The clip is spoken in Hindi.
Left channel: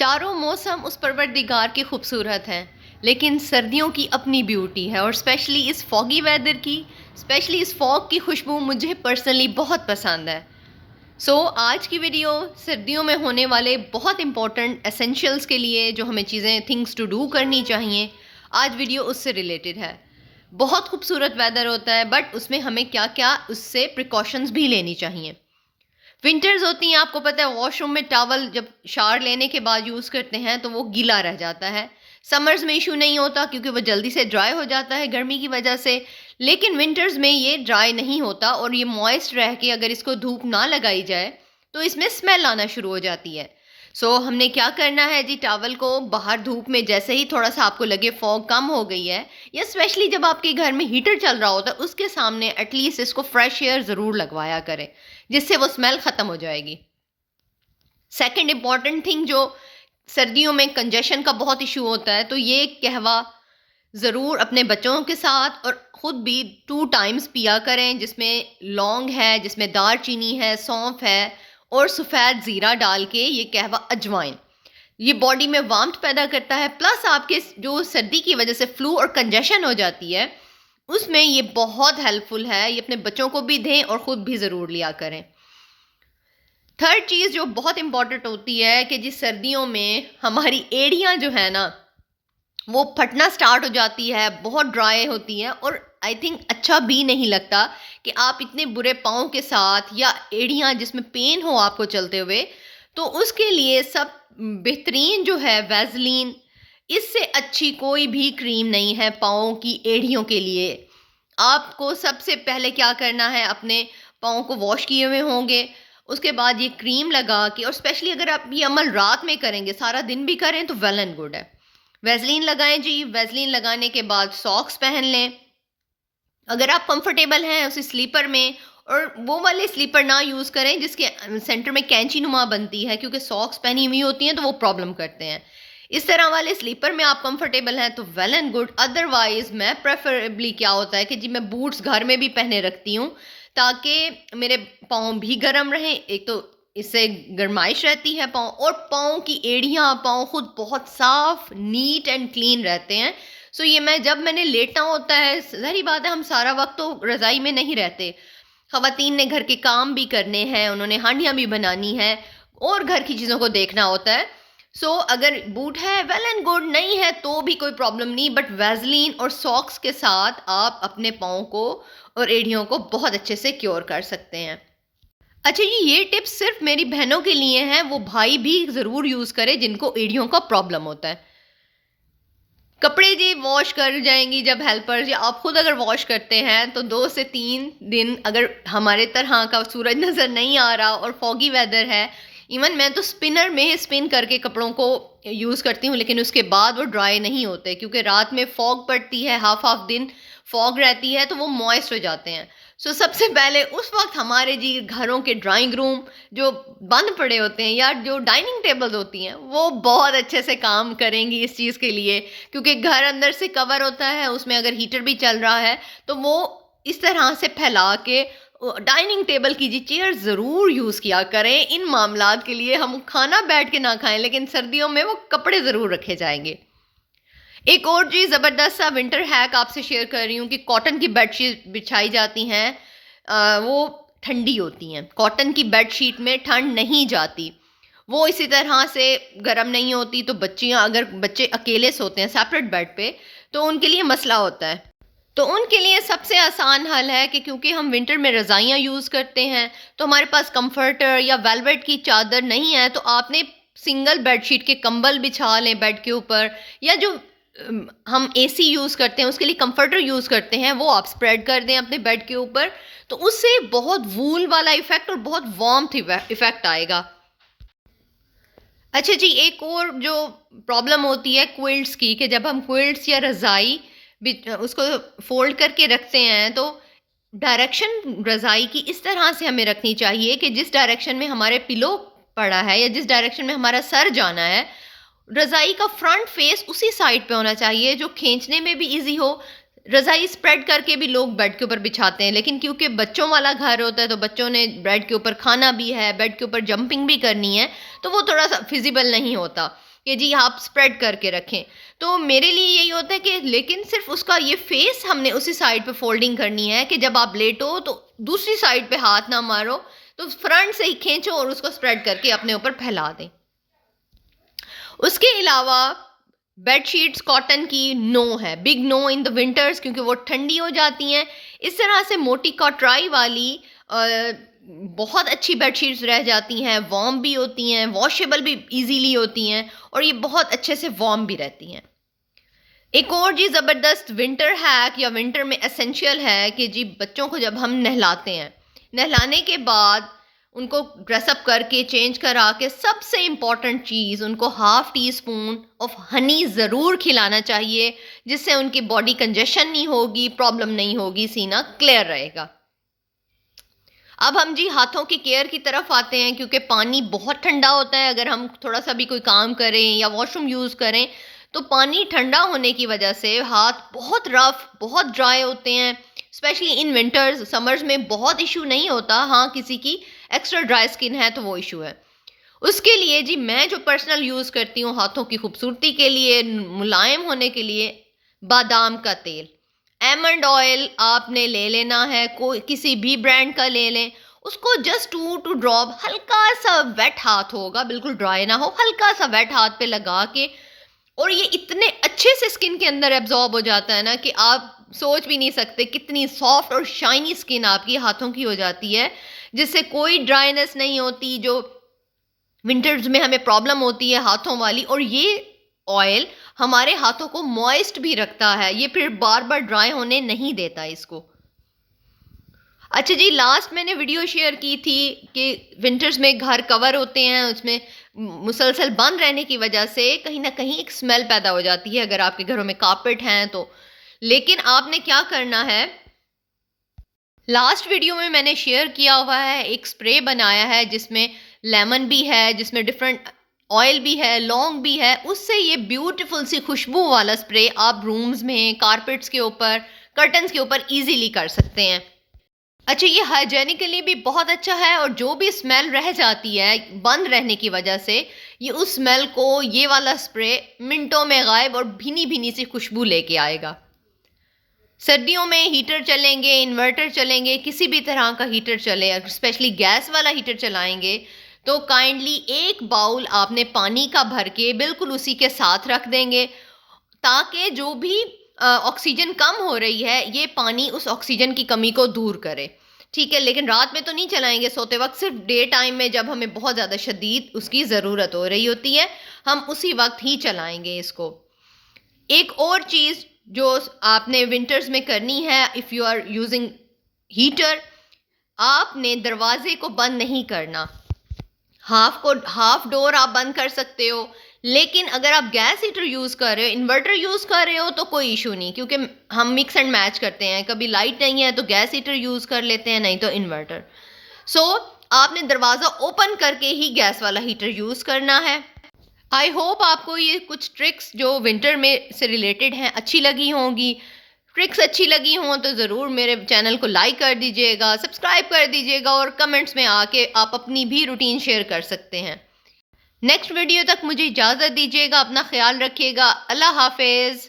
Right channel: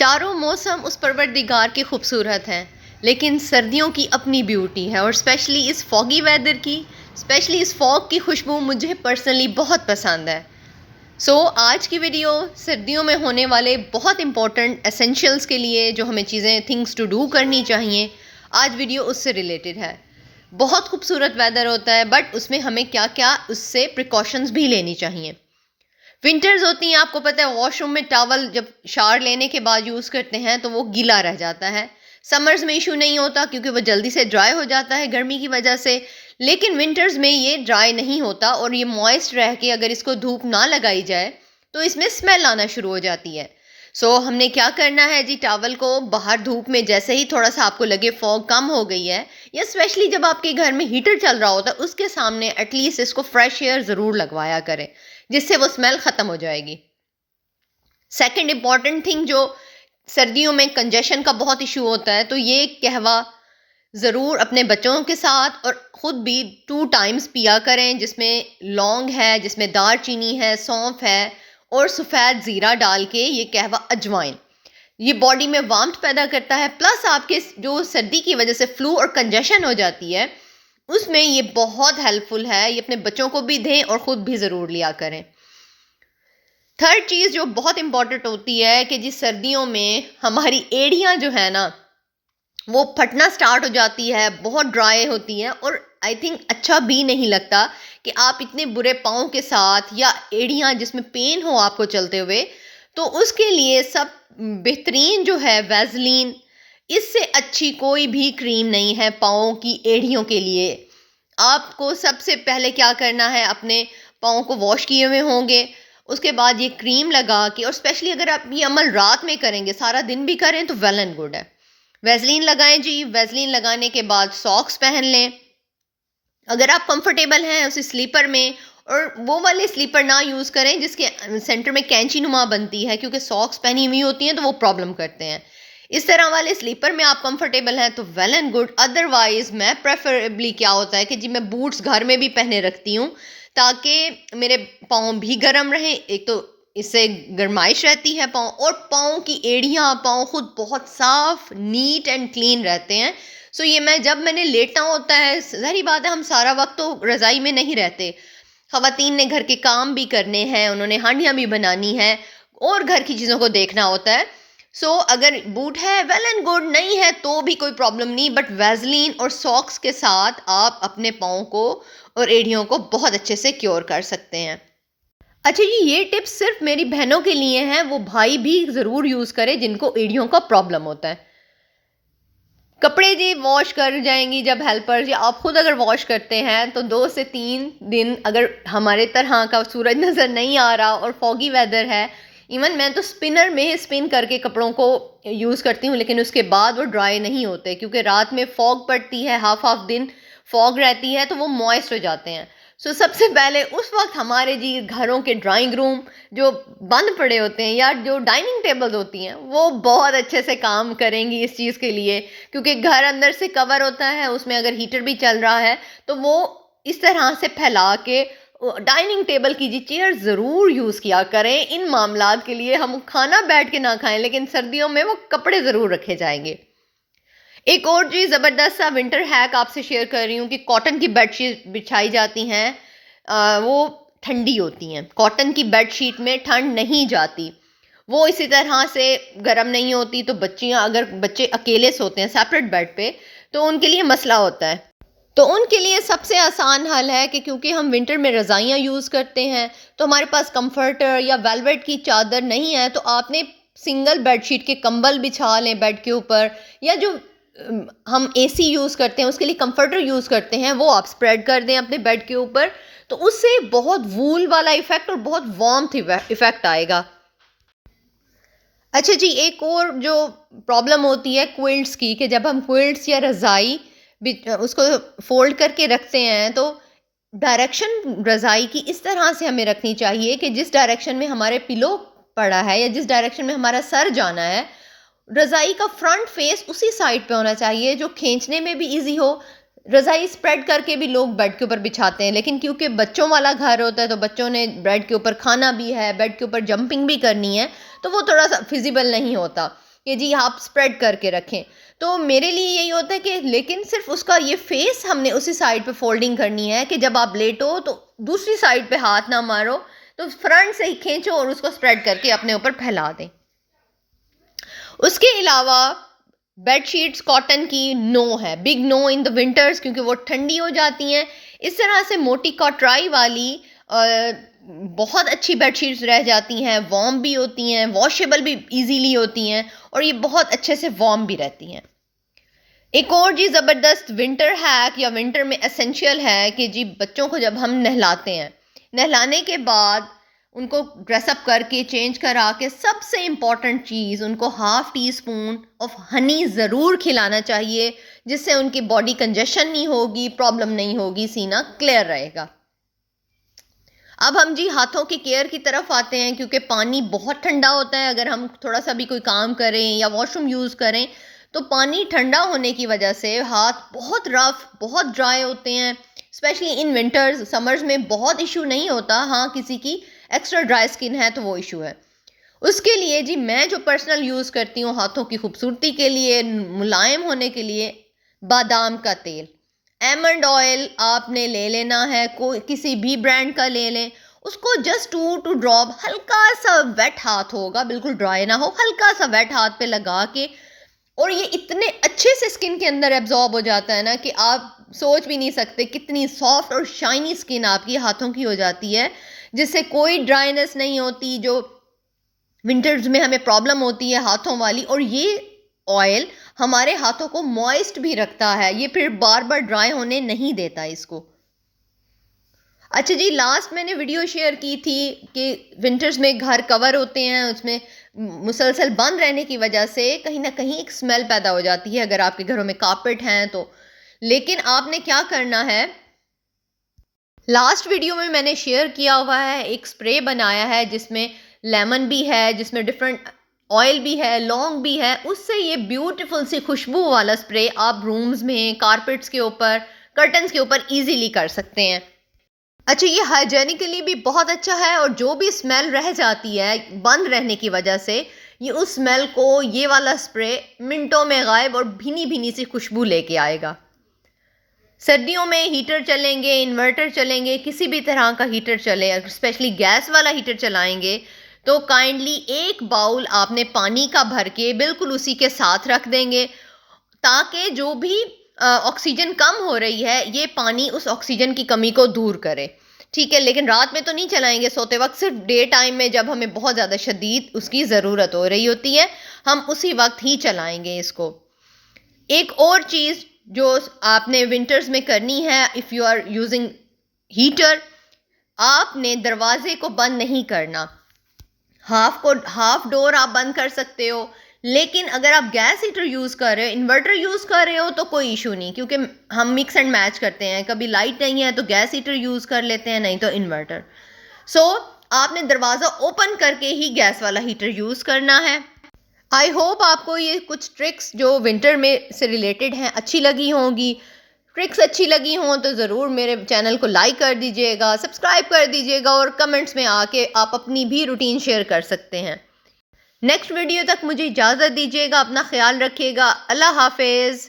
चारों मौसम उस परवरदिगार के खूबसूरत हैं, लेकिन सर्दियों की अपनी ब्यूटी है और स्पेशली इस फॉगी वेदर की, स्पेशली इस फॉग की खुशबू मुझे पर्सनली बहुत पसंद है। आज की वीडियो सर्दियों में होने वाले बहुत इंपॉर्टेंट एसेंशियल्स के लिए जो हमें चीज़ें थिंग्स टू डू करनी चाहिए, आज वीडियो उससे रिलेटेड है। बहुत खूबसूरत वेदर होता है बट उसमें हमें क्या क्या उससे प्रिकॉशंस भी लेनी चाहिए। विंटर्स होती हैं, आपको पता है वॉशरूम में टॉवल जब शावर लेने के बाद यूज़ करते हैं तो वो गीला रह जाता है। समर्स में इशू नहीं होता क्योंकि वो जल्दी से ड्राई हो जाता है गर्मी की वजह से, लेकिन विंटर्स में ये ड्राई नहीं होता और ये मॉइस्ट रह के अगर इसको धूप ना लगाई जाए तो इसमें स्मेल आना शुरू हो जाती है। हमने क्या करना है जी, टॉवल को बाहर धूप में जैसे ही थोड़ा सा आपको लगे फॉग कम हो गई है, या स्पेशली जब आपके घर में हीटर चल रहा होता है उसके सामने एटलीस्ट इसको फ्रेश एयर ज़रूर लगवाया करें, जिससे वो स्मेल ख़त्म हो जाएगी। सेकंड इम्पॉर्टेंट थिंग, जो सर्दियों में कंजेशन का बहुत इशू होता है, तो ये कहवा ज़रूर अपने बच्चों के साथ और ख़ुद भी 2 टाइम्स पिया करें, जिसमें लौंग है, जिसमें दालचीनी है, सौंफ है और सफ़ेद ज़ीरा डाल के ये कहवा अजवाइन, ये बॉडी में वार्मथ पैदा करता है। प्लस आपके जो सर्दी की वजह से फ्लू और कंजेशन हो जाती है उसमें ये बहुत हेल्पफुल है। ये अपने बच्चों को भी दें और ख़ुद भी ज़रूर लिया करें। थर्ड चीज़ जो बहुत इम्पॉर्टेंट होती है कि जिस सर्दियों में हमारी एड़ियाँ जो है ना वो फटना स्टार्ट हो जाती है, बहुत ड्राई होती हैं और आई थिंक अच्छा भी नहीं लगता कि आप इतने बुरे पाँव के साथ या एड़ियाँ जिसमें पेन हो आपको चलते हुए, तो उसके लिए सब बेहतरीन जो है वैसलीन, इससे अच्छी कोई भी क्रीम नहीं है पाँव की एड़ियों के लिए। आपको सबसे पहले क्या करना है, अपने पाँव को वॉश किए हुए होंगे, उसके बाद ये क्रीम लगा के, और स्पेशली अगर आप ये अमल रात में करेंगे, सारा दिन भी करें तो वेल एंड गुड है। वैसलीन लगाएं जी, वैसलीन लगाने के बाद सॉक्स पहन लें अगर आप कंफर्टेबल हैं उसी स्लीपर में, और वो वाले स्लीपर ना यूज़ करें जिसके सेंटर में कैंची नुमा बनती है, क्योंकि सॉक्स पहनी हुई होती हैं तो वो प्रॉब्लम करते हैं। इस तरह वाले स्लीपर में आप कंफर्टेबल हैं तो वेल एंड गुड। अदरवाइज मैं प्रेफरेबली क्या होता है कि जी मैं बूट्स घर में भी पहने रखती हूँ ताकि मेरे पाँव भी गर्म रहें, एक तो इससे गर्माइश रहती है पाँव, और पाँव की एड़ियाँ, पाँव खुद बहुत साफ नीट एंड क्लीन रहते हैं। ये मैंने लेटना होता है, ज़ाहिर बात है हम सारा वक्त तो रज़ाई में नहीं रहते, ख़वातीन ने घर के काम भी करने हैं, उन्होंने हांडियाँ भी बनानी हैं और घर की चीज़ों को देखना होता है। अगर बूट है वेल एंड गुड, नहीं है तो भी कोई प्रॉब्लम नहीं, बट वैसलीन और सॉक्स के साथ आप अपने पाँव को और एड़ियों को बहुत अच्छे से क्योर कर सकते हैं। अच्छा जी, ये टिप्स सिर्फ मेरी बहनों के लिए हैं, वो भाई भी ज़रूर यूज़ करें जिनको एड़ियों का प्रॉब्लम होता है। कपड़े जी वॉश कर जाएंगी जब हेल्पर्स, या आप खुद अगर वॉश करते हैं तो 2 से 3 दिन, अगर हमारे तरह का सूरज नज़र नहीं आ रहा और फॉगी वेदर है, इवन मैं तो स्पिनर में स्पिन करके कपड़ों को यूज़ करती हूँ, लेकिन उसके बाद वो ड्राई नहीं होते क्योंकि रात में फॉग पड़ती है, हाफ दिन फॉग रहती है तो वो मॉइस्ट हो जाते हैं। सबसे पहले उस वक्त हमारे जी घरों के ड्राइंग रूम जो बंद पड़े होते हैं या जो डाइनिंग टेबल्स होती हैं वो बहुत अच्छे से काम करेंगी इस चीज़ के लिए, क्योंकि घर अंदर से कवर होता है, उसमें अगर हीटर भी चल रहा है तो वो इस तरह से फैला के डाइनिंग टेबल की जी चेयर ज़रूर यूज़ किया करें। इन मामलात के लिए हम खाना बैठ के ना खाएं, लेकिन सर्दियों में वो कपड़े ज़रूर रखे जाएंगे। एक और जी ज़बरदस्त सा विंटर हैक आपसे शेयर कर रही हूँ कि कॉटन की बेडशीट बिछाई जाती हैं, वो ठंडी होती हैं। कॉटन की बेडशीट में ठंड नहीं जाती, वो इसी तरह से गर्म नहीं होती, तो अगर बच्चे अकेले सोते हैं सेपरेट बेड पे तो उनके लिए मसला होता है। तो उनके लिए सबसे आसान हल है कि क्योंकि हम विंटर में रज़ाइयाँ यूज़ करते हैं तो हमारे पास कंफर्टर या वेलवेट की चादर नहीं है, तो आपने सिंगल बेडशीट के कंबल बिछा लें बेड के ऊपर, या जो हम एसी यूज़ करते हैं उसके लिए कंफर्टर यूज़ करते हैं वो आप स्प्रेड कर दें अपने बेड के ऊपर, तो उससे बहुत वूल वाला इफ़ेक्ट और बहुत वार्मथ इफ़ेक्ट आएगा। अच्छा जी, एक और जो प्रॉब्लम होती है क्विल्ट्स की, कि जब हम क्विल्ट्स या रज़ाई उसको फ़ोल्ड करके रखते हैं तो डायरेक्शन रज़ाई की इस तरह से हमें रखनी चाहिए कि जिस डायरेक्शन में हमारे पिलो पड़ा है या जिस डायरेक्शन में हमारा सर जाना है, रज़ाई का फ्रंट फेस उसी साइड पे होना चाहिए जो खींचने में भी इजी हो। रज़ाई स्प्रेड करके भी लोग बेड के ऊपर बिछाते हैं, लेकिन क्योंकि बच्चों वाला घर होता है तो बच्चों ने बेड के ऊपर खाना भी है, बेड के ऊपर जंपिंग भी करनी है, तो वो थोड़ा सा फिजिबल नहीं होता। कि जी आप स्प्रेड करके रखें। तो मेरे लिए यही होता है कि लेकिन सिर्फ उसका ये फेस हमने उसी साइड पे फोल्डिंग करनी है कि जब आप लेटो तो दूसरी साइड पे हाथ ना मारो, तो फ्रंट से ही खींचो और उसको स्प्रेड करके अपने ऊपर फैला दें। उसके अलावा बेडशीट्स कॉटन की नो है, big no in the winters, क्योंकि वो ठंडी हो जाती हैं। इस तरह से मोटी कॉटराई वाली बहुत अच्छी बेडशीट्स रह जाती हैं, वार्म भी होती हैं, वॉशेबल भी इजीली होती हैं और ये बहुत अच्छे से वार्म भी रहती हैं। एक और जी ज़बरदस्त विंटर हैक या विंटर में एसेंशियल है कि जी बच्चों को जब हम नहलाते हैं, नहलाने के बाद उनको ड्रेसअप करके चेंज करा के सबसे इम्पॉर्टेंट चीज़ उनको half tea spoon of honey ज़रूर खिलाना चाहिए, जिससे उनकी बॉडी कंजेशन नहीं होगी, प्रॉब्लम नहीं होगी, सीना क्लियर रहेगा। अब हम जी हाथों की केयर की तरफ आते हैं, क्योंकि पानी बहुत ठंडा होता है। अगर हम थोड़ा सा भी कोई काम करें या वॉशरूम यूज़ करें तो पानी ठंडा होने की वजह से हाथ बहुत रफ, बहुत ड्राई होते हैं। स्पेशली इन विंटर्स, समर्स में बहुत इशू नहीं होता, हाँ किसी की एक्स्ट्रा ड्राई स्किन है तो वो इशू है। उसके लिए जी मैं जो पर्सनल यूज़ करती हूँ हाथों की खूबसूरती के लिए, मुलायम होने के लिए, बादाम का तेल, एमंड ऑयल आपने ले लेना है, कोई किसी भी ब्रांड का ले लें। उसको जस्ट 2 ड्रॉप हल्का सा वेट हाथ होगा, बिल्कुल ड्राई ना हो, हल्का सा वेट हाथ पे लगा के, और ये इतने अच्छे से स्किन के अंदर एब्जॉर्ब हो जाता है ना कि आप सोच भी नहीं सकते कितनी सॉफ्ट और शाइनी स्किन आपकी हाथों की हो जाती है, जिससे कोई ड्राइनेस नहीं होती जो विंटर्स में हमें प्रॉब्लम होती है हाथों वाली। और ये ऑयल हमारे हाथों को मॉइस्ट भी रखता है, ये फिर बार बार ड्राई होने नहीं देता इसको। अच्छा जी, लास्ट मैंने वीडियो शेयर की थी कि विंटर्स में घर कवर होते हैं, उसमें मुसलसल बंद रहने की वजह से कहीं ना कहीं एक स्मेल पैदा हो जाती है अगर आपके घरों में कारपेट हैं तो। लेकिन आपने क्या करना है, लास्ट वीडियो में मैंने शेयर किया हुआ है, एक स्प्रे बनाया है जिसमें लेमन भी है, जिसमें डिफरेंट ऑयल भी है, लौंग भी है। उससे ये ब्यूटीफुल सी खुशबू वाला स्प्रे आप रूम्स में, कारपेट्स के ऊपर, कर्टन्स के ऊपर इजीली कर सकते हैं। अच्छा, ये हाइजेनिकली भी बहुत अच्छा है, और जो भी स्मेल रह जाती है बंद रहने की वजह से, ये उस स्मेल को ये वाला स्प्रे मिनटों में गायब और भीनी भीनी सी खुशबू लेके आएगा। सर्दियों में हीटर चलेंगे, इन्वर्टर चलेंगे, किसी भी तरह का हीटर चले, स्पेशली गैस वाला हीटर चलाएंगे तो काइंडली एक बाउल आपने पानी का भर के बिल्कुल उसी के साथ रख देंगे, ताकि जो भी ऑक्सीजन कम हो रही है ये पानी उस ऑक्सीजन की कमी को दूर करे। ठीक है, लेकिन रात में तो नहीं चलाएंगे सोते वक्त, सिर्फ डे टाइम में जब हमें बहुत ज़्यादा शदीद उसकी ज़रूरत हो रही होती है, हम उसी वक्त ही चलाएंगे इसको। एक और चीज़ जो आपने विंटर्स में करनी है, if you are using heater, आपने दरवाजे को बंद नहीं करना। हाफ डोर आप बंद कर सकते हो, लेकिन अगर आप गैस हीटर यूज़ कर रहे हो, इन्वर्टर यूज़ कर रहे हो तो कोई इशू नहीं, क्योंकि हम मिक्स एंड मैच करते हैं, कभी लाइट नहीं है तो गैस हीटर यूज़ कर लेते हैं, नहीं तो इन्वर्टर। सो आपने दरवाज़ा ओपन करके ही गैस वाला हीटर यूज़ करना है। आई होप आपको ये कुछ ट्रिक्स जो विंटर में से रिलेटेड हैं अच्छी लगी होंगी। ट्रिक्स अच्छी लगी हों तो ज़रूर मेरे चैनल को लाइक कर दीजिएगा, सब्सक्राइब कर दीजिएगा, और कमेंट्स में आके आप अपनी भी रूटीन शेयर कर सकते हैं। नेक्स्ट वीडियो तक मुझे इजाज़त दीजिएगा, अपना ख्याल रखिएगा, अल्लाह हाफिज़।